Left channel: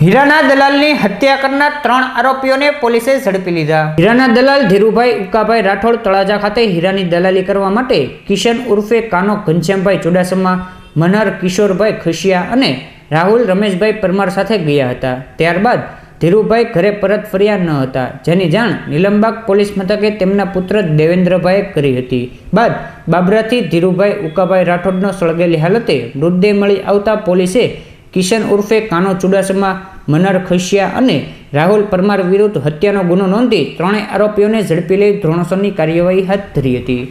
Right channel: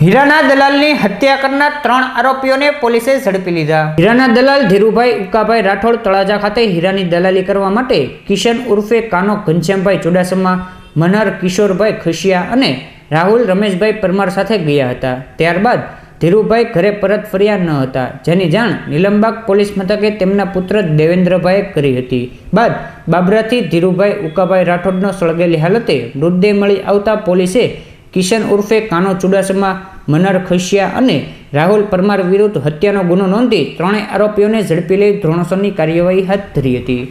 હીરાના દલાલની હત્યા કરનાર ત્રણ આરોપીઓને પોલીસે ઝડપી લીધા. હીરાના દલાલ ધીરુભાઈ, ઉકાભાઈ રાઠોડ તળાજા ખાતે હીરાની દલાલી કરવા માટે કિશન ઉર્ફે કાનો ઘનશ્યામભાઈ ચુડાસમા મનહર કિશોરભાઈ ખુશિયા અને રાહુલ રમેશભાઈ પરમાર સાથે ગયા હતા. ત્યારબાદ ધીરુભાઈ ઘરે પરત ફર્યા ન હતા, જેની જાણ નીલમબાગ પોલીસ મથકે તેમના પુત્ર દેવેન્દ્રભાઈએ કરી હતી. બાદ બાબરાથી ધીરુભાઈ, ઉકાભાઈ રાઠોડનો સળગેલી હાલતે મૃતદેહ મળી આવતા પોલીસે કિશન ઉર્ફે કાનો ચુડાસમા મનર ખસિયા અને રાહુલ પરમાર વિરુદ્ધ હત્યાનો ગુનો નોંધી ત્રણેય આરોપીઓને ઝડપી લઈ ધોરણસરની કાર્યવાહી હાથ ધરી હતી. અ,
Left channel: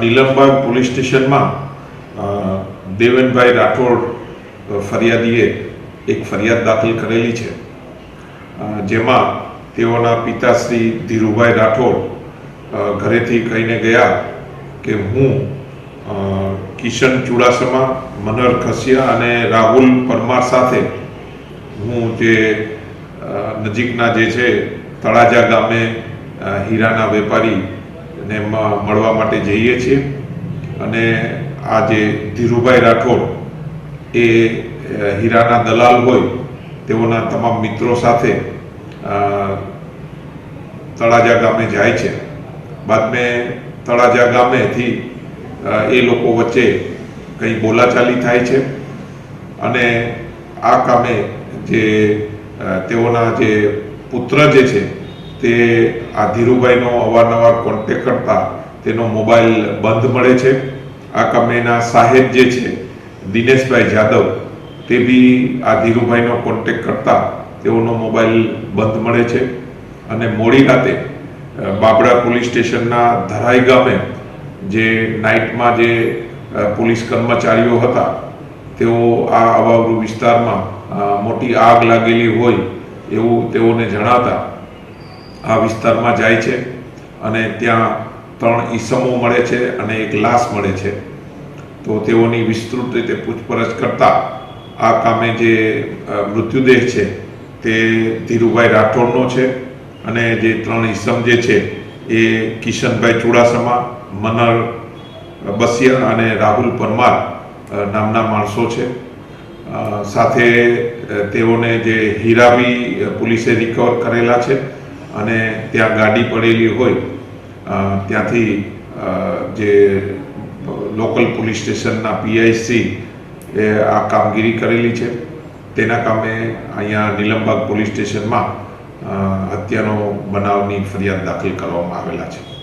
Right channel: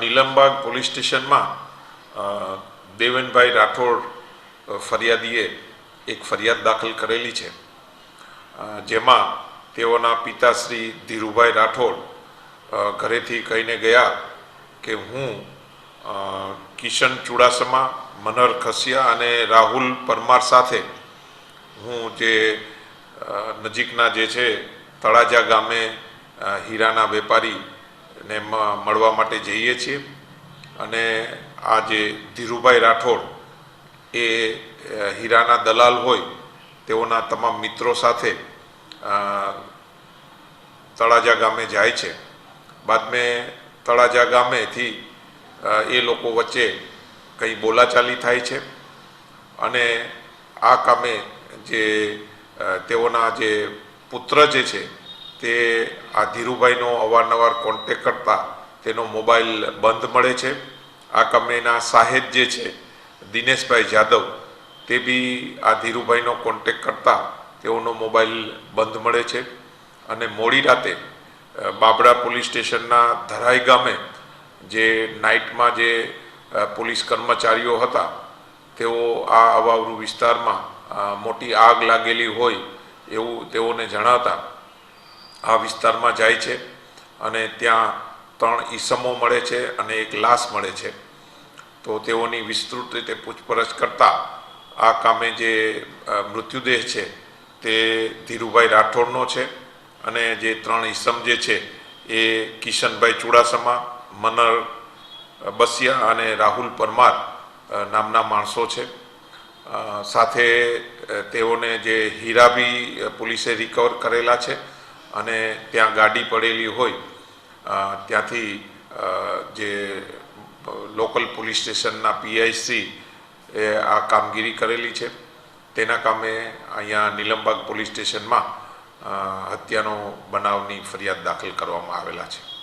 નીલમબાગ પોલીસ સ્ટેશનમાં દેવેનભાઈ રાઠોડ ફરિયાદીએ એક ફરિયાદ દાખલ કરેલી છે. જેમાં તેઓના પિતાશ્રી ધીરુભાઈ રાઠોડ ઘરેથી કહીને ગયા કે હું કિશન ચુડાસમા મનોહર ખસિયા અને રાહુલ પરમાર સાથે હું જે નજીકના જે છે, તળાજા ગામે હીરાના વેપારીને મળવા માટે જઈએ છીએ. અને આ જે ધીરુભાઈ રાઠોડ એ હીરાના દલાલ હોય, તેઓના તમામ મિત્રો સાથે તળાજા ગામે જાય છે. બાદ મેં તળાજા ગામેથી એ લોકો વચ્ચે કંઈ બોલાચાલી થાય છે. અને આ કામે જે તેઓના જે પુત્ર જે છે, તે આ ધીરુભાઈનો અવારનવાર કોન્ટેક કરતા તેનો મોબાઈલ બંધ મળે છે. આ કામેના સાહેબ જે છે, દિનેશભાઈ જાદવ, તે બી આ ધીરુભાઈનો કોન્ટેક કરતા તેઓનો મોબાઈલ બંધ મળે છે. અને મોડી રાતે બાબરા પોલીસ સ્ટેશનના ધરાઈ ગામે જે નાઇટમાં જે પોલીસ કર્મચારીઓ હતા, તેઓ આ અવાવરૂ વિસ્તારમાં મોટી આગ લાગેલી હોય એવું તેઓને જણાતા આ વિસ્તારમાં જાય છે અને ત્યાં ત્રણ ઈસમો મળે છે અને એક લાશ મળે છે. તો તેઓની વિસ્તૃત રીતે પૂછપરછ કરતા આ કામે જે મૃત્યુદેહ છે તે ધીરુભાઈ રાઠોડનો છે અને જે ત્રણ ઈસમ જે છે એ કિશનભાઈ ચુડાસમા મનર બસિયા અને રાહુલ પરમાર નામના માણસો છે. સાથે તેઓને જે હીરા બી પોલીસે રિકવર કરેલા છે અને ત્યાં ગાડી પડેલી હોય ત્યાંથી જે લોકલ પોલીસ સ્ટેશનના પીઆઈસી એ આ કામગીરી કરેલી છે. તેના કામે અહીંયા નીલમબાગ પોલીસ સ્ટેશનમાં હત્યાનો બનાવની ફરિયાદ દાખલ કરવામાં આવેલા છે.